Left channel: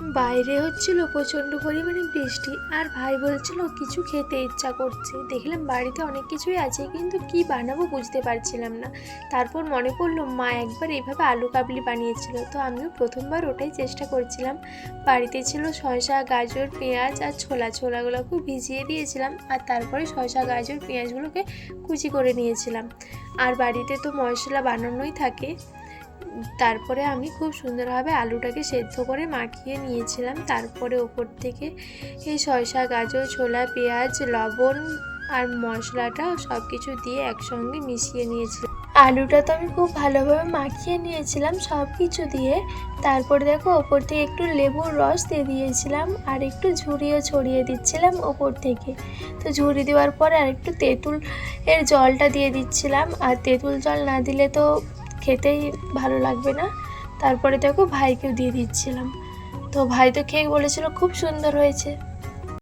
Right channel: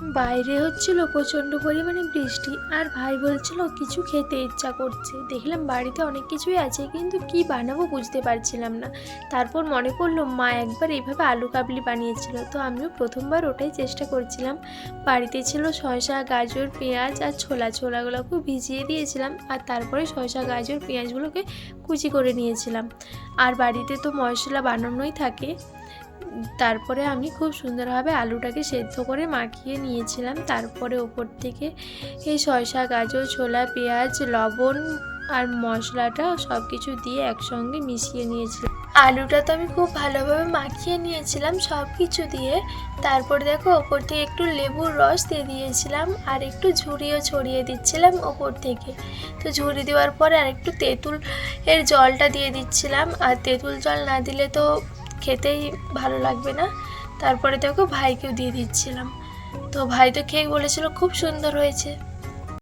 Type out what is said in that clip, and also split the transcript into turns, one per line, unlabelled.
বাইরে হচ্ছিল প্রচণ্ড পরিমাণে বৃষ্টি আর ভাই বলছিল, কিছু খেতে ইচ্ছা করছে। দেখলাম বাড়িতে অনেক কিছুই আছে, কিন্তু কি বানাবো বুঝতে পারছিলাম না। তারপর মনে পড়ল, মা একবার এইভাবে আলু কাবলি বানিয়েছিল। তো আমিও প্রথমবার ওটাই চেষ্টা করছিলাম। বাড়িতে ছিল শসা, গাজর, পেঁয়াজ আর ছোলা। ছোলাগুলোকে ভিজিয়ে দিয়েছিলাম আর তারপরে শসা, গাজর, পেঁয়াজগুলোকে কুচি করে নিয়েছিলাম। আর বাড়িতে তো মশলা বানানোই থাকে। তারপরে আমি খুব সুন্দরভাবে আলুটাকে সেদ্ধ করে মাখিয়ে নিয়েছিলাম। তারপরে ওপর থেকে এই শসা গাজর, ছোলা, পেঁয়াজ, লবণ আর মশলাটা সব কিছু দিয়ে একসঙ্গে মিশিয়ে নিয়েছিলাম। আলুটা তো আমি খুব ভালোভাবে মাখিয়ে নিয়েছিলাম সব কিছু দিয়ে। তারপর দেখো, ওপর থেকে একটু লেবুর রস দিয়ে দিয়েছিলাম আর একটু ঝুড়িও ছড়িয়ে দিচ্ছিলাম ওপর থেকে। তো ঝুড়ি দেওয়ার পরে আর একটু তেঁতুল এর জলটা দিয়ে দিচ্ছিলাম। আর তেঁতুল জল না দিলে তো খেতেই ভালো লাগবে না। তারপরে দেখো ভাইকেও দিয়ে দিচ্ছিলাম। তো ভাই তো খেয়ে বলেছিল, খুব সুন্দর হয়েছে।